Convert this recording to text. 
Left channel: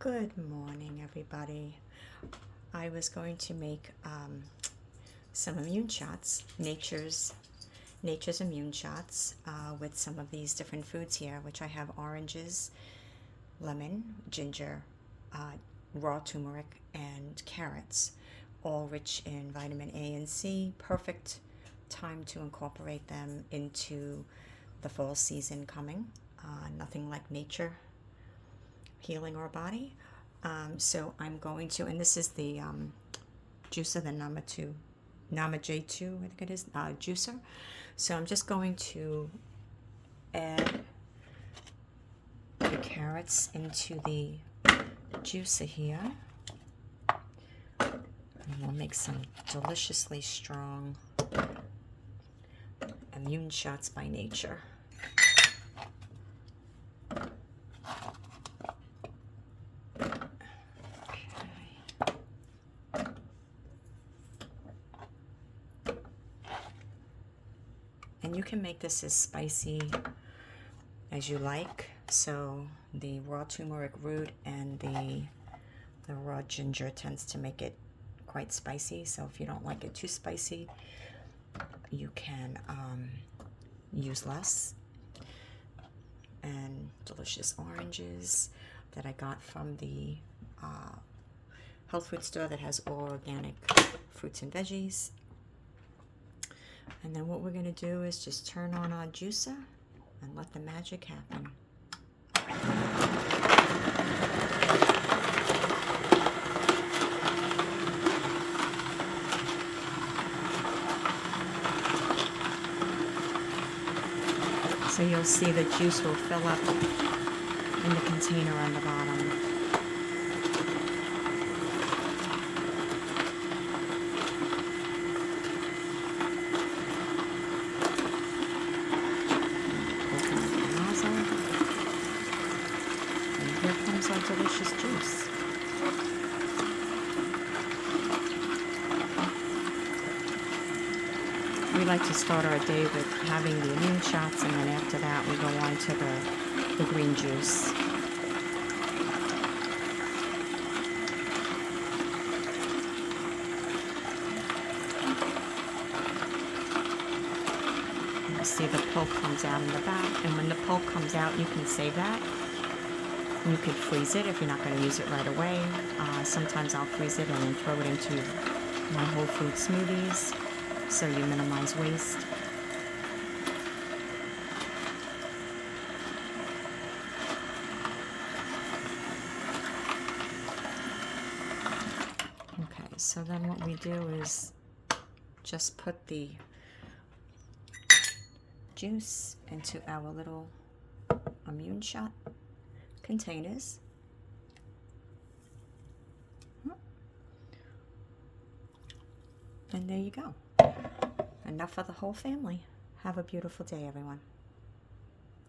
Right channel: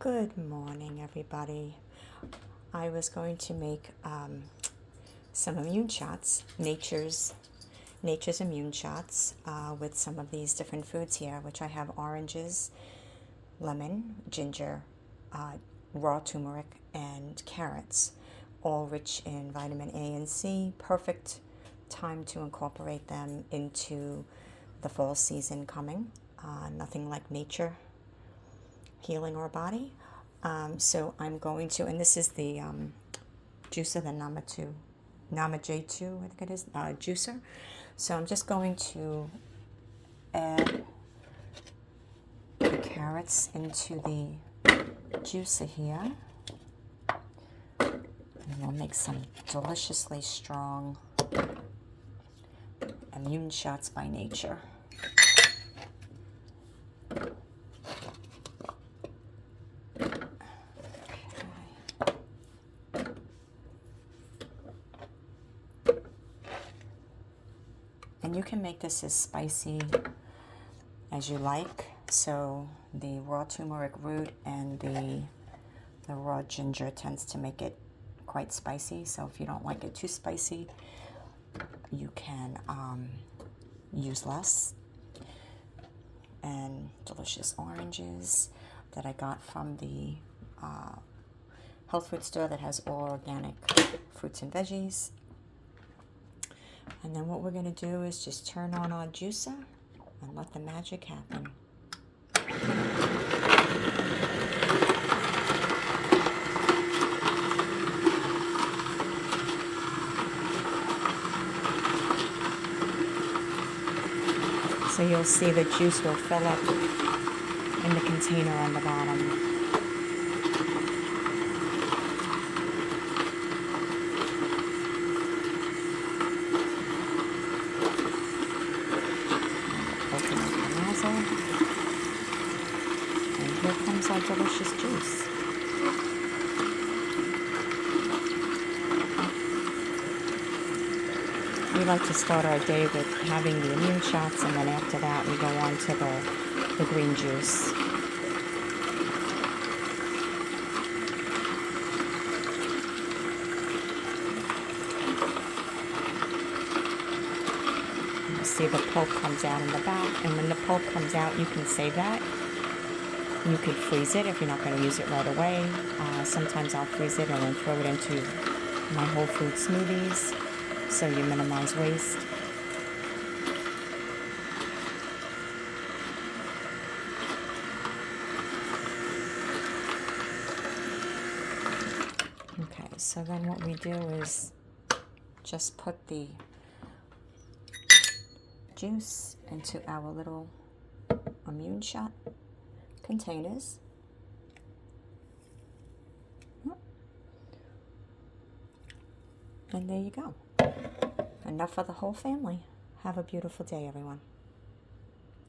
Good morning, everybody. I was going to make some immune shots, nature's immune shots with some of these different foods here, which I have oranges, lemon, ginger, raw turmeric, and carrots, all rich in vitamin A and C. Perfect time to incorporate them into the fall season coming. Nothing like nature healing our body. So I'm going to, and this is the juicer, the Nama J2, I think it is, juicer. So I'm just going to add the carrots into the juicer here. And we'll make some deliciously strong immune shots by nature. And you can make this as spicy as you like. So the raw turmeric root and the raw ginger tends to make it quite spicy. So if you don't like it too spicy, you can use less. And delicious oranges that I got from the health food store that has all organic fruits and veggies. And then what we're going to do is just turn on our juicer and let the magic happen. So you'll see the juice will fill up in the container on the bottom. And here comes our delicious juice. We like to start our day with having the immune shots, and then after that we go on to the green juice. You see the pulp comes out in the back, and when the pulp comes out, you can save that. You could freeze it if you're not going to use it right away. Sometimes I'll freeze it and then throw it into my whole food smoothies, so you minimize waste. Okay, so then what we do is just put the juice into our little immune shot containers. And there you go. Enough for the whole family. Have a beautiful day, everyone.